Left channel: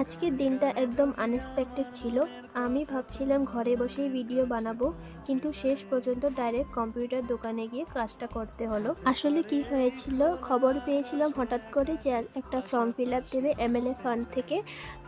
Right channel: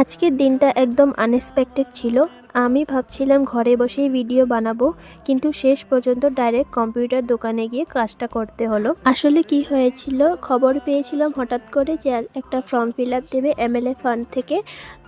আজকের দিনটা একদম আনএক্সপেক্টেড ছিল। আমি ভাবছিলাম ঘরে বসেই ভিডিও বানাবো, কিন্তু শেষ পর্যন্ত ডাইরেক্ট কম্পিউটার দোকানে গিয়ে কাজটা করতে হলো। আসলে কি হয়েছিল, খবর পেয়েছিলাম হঠাৎ করে যে একটা ফর্ম ফিল আপ দেবে MLA ফান্ড থেকে,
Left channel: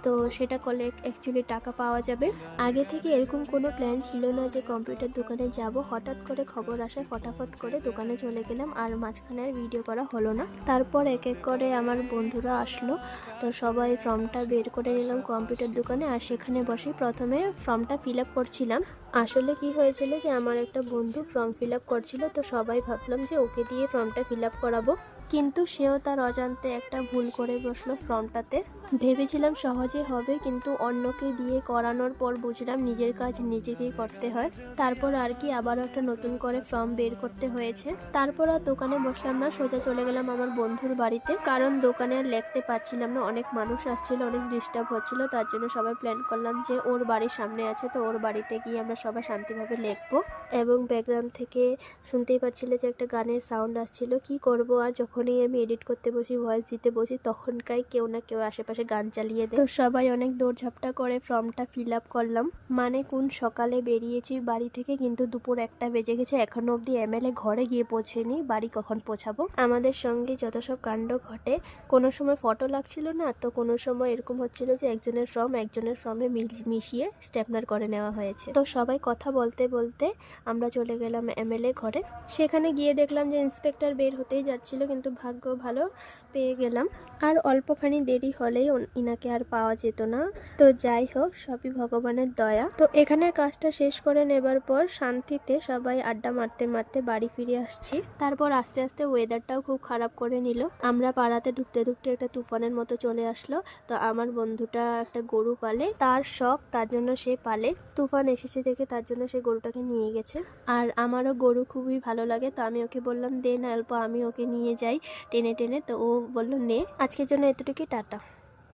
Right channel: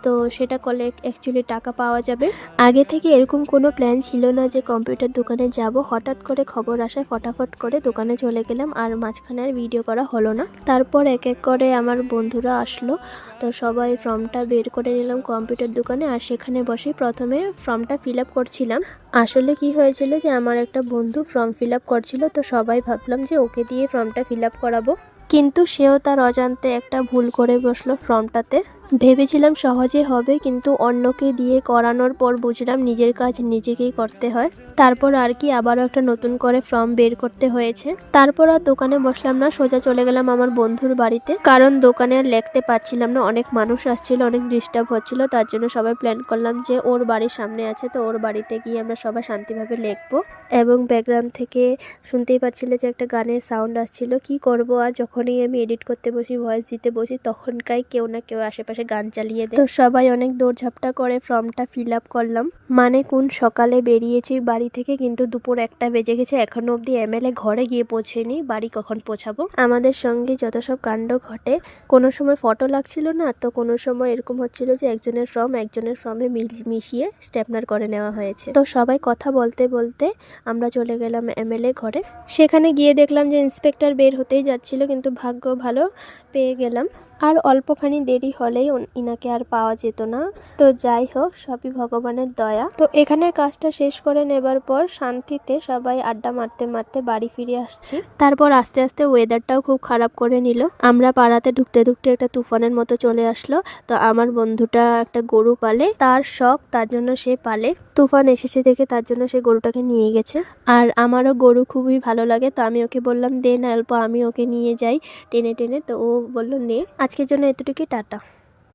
তো সেটা করলে অ্যাকচুয়ালি টাকা পাওয়া যাবে। আগে থেকে এরকম কোনো প্ল্যান ছিল না যে কম্পিউটার দোকানে যাব। হঠাৎ করে খবর আসায় ফটাফট করে দোকানে চলে গেলাম, আর মাঝখানে আর ভিডিও করা হলো না। তারপর এক এক করে আমার বন্ধুরা আসলো, তো সবাই ফর্মটা বের করে নিলাম কম্পিউটার দোকানে, আর সেখানে বসে প্রথমে ফর্মটা ফিল আপ করছিলাম। আসলে কি হয়েছিল যে আমার একটা বন্ধু ফর্ম ফিল আপ করছিল, তো সবাই ভাবলাম যে ওকে দিয়ে ফর্মটা ফিল আপ করাবো, কিন্তু সেও তার অজান্তে একটা ভুল করে বসলো ফর্মটাতে। ভেবেছিলাম সহজে হবে, কিন্তু অন্যকে দিয়ে করানোর পর বুঝলাম নিজের কাজ নিজেকেই করতে হয়। তারপর আর কি আবারও একটা নতুন করে ফর্ম বের করতে হয়েছে। তারপর আর দোকানে বসলাম না, সোজা চলে গেলাম আমার বন্ধুর বাড়িতে, কারণ দোকানে আর লিখতে পারছিলাম না, অনেক মানুষ আসছিল, অনেক ডিস্টার্ব হচ্ছিল। তার জন্য সবাই প্ল্যান করলাম যে ওর বাড়ির সামনে আছে, তো ওর বাড়িতে গিয়ে আমরা সবাই শান্তিভাবে লিখবো। এবং ব্যাকগ্রাউন্ড থেকে শুনতেই পাচ্ছিলে যে একটা গানের সাউন্ড আসছিল। কি করব, আর যখনই আমি এডিট করতে বসি, ভয়েস দিতে বসি, তখনকাই কেউ না কেউ আশেপাশে গান চালিয়ে দেয়। তো সবাই অনেক দৌড়ঝাপটা করে ফর্মটা ফিল আপ করলাম। মানে কোন সকালে বেরিয়েছি বাড়ি থেকে, কিন্তু দুপুর 1টা বেজে গেছে, এখনো অব্দি MLA ঘরে গিয়ে পৌঁছেনি। বাড়ি কখন পৌঁছাবো? আমাদের সঙ্গে যত সব কাণ্ড ঘটে, কোনো সময় ফটো লাগছিল না, তো কোনো সময় এরকম হচ্ছিল যে একজনের ফর্মে মিশিয়ে স্টেপনার করে নেওয়া হয়েছে। তো সবাই কথা বলতে বলতে আমরা চলে গেলাম MLA ঘরে। সেখানে গিয়ে দেখলাম যে ইন্সপেক্টর বের হতেই যাচ্ছিল, কিন্তু ভাগ্য ভালো পেয়ে গেলাম। আর অল্পখানি দেরি হলেই ইনাকে আর পাওয়া যেত না। তো যাই হোক, সবই ভগবানের দয়া। তো এখানের কাজটা শেষ করে নেবার পর শান্তিতে সবাই আড্ডা মারতে মারতে বাড়ি ফিরে আসছে। তারপর আস্তে আস্তে ওয়েদারটাও খুব খারাপ করে নিল। আমরা পাড়াতে ঢুকতে ঢুকতে একটা তুফানের মতো চলে আসলো। তো আমার বন্ধুটা একটা গরু পালে, তার শখ, তার জন্য সে পালে। তুফান এসেছে দেখে তার জন্য সে গরুটাকে নিয়ে গেছে। আর আমারও গরু খুবই ভালো লাগে, তো আমি ওকে বললাম দে না অল্প, আমি ওকে নিয়ে যাই টেনে টেনে। তো ও বলল নে। আজকের জন্য এতটুকুই, টাটা।